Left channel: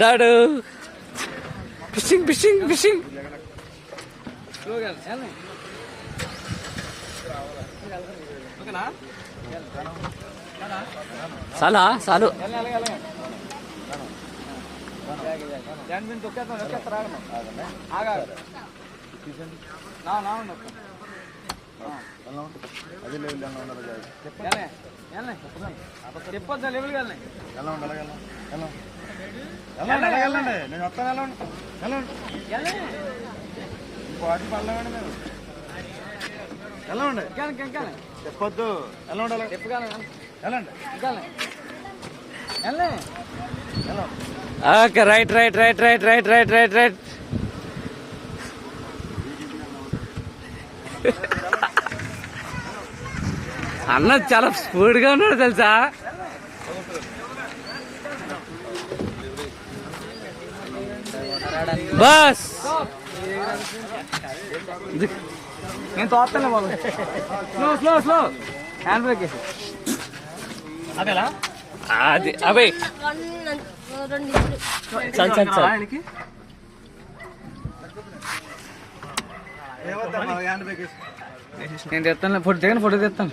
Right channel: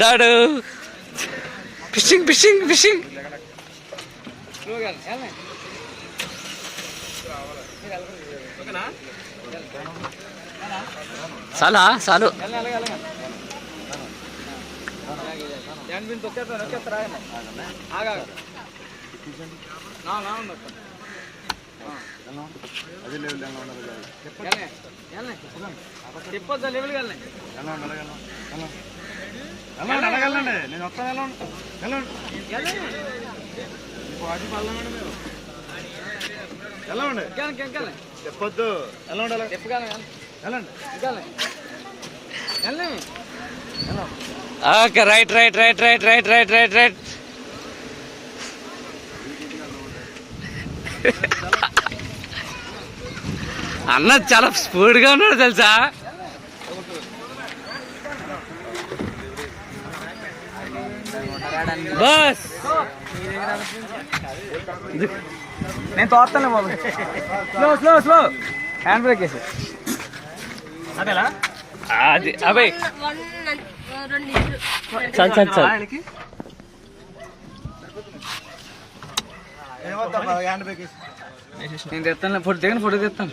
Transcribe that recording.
దాడు fishing fishing fishing చాలా చాలు చెప్పొద్దా level వెళ్ళండి నేను వస్తాను చెప్పొద్దు ఎలా ఉండాలి okay right right right right right right right right అన్న చాలా స్పీడ్గా ఉన్నాడు తెలుసా. బస్ నేను తోస్తాను బాబు. Slow slow slow hand brake వేసి అదేలా అది అభయ్ చల్ చల్ చల్ హ్యాండ్ బ్రేక్ వేసి నేను తెస్తాను. ఫోటో తెస్తాను.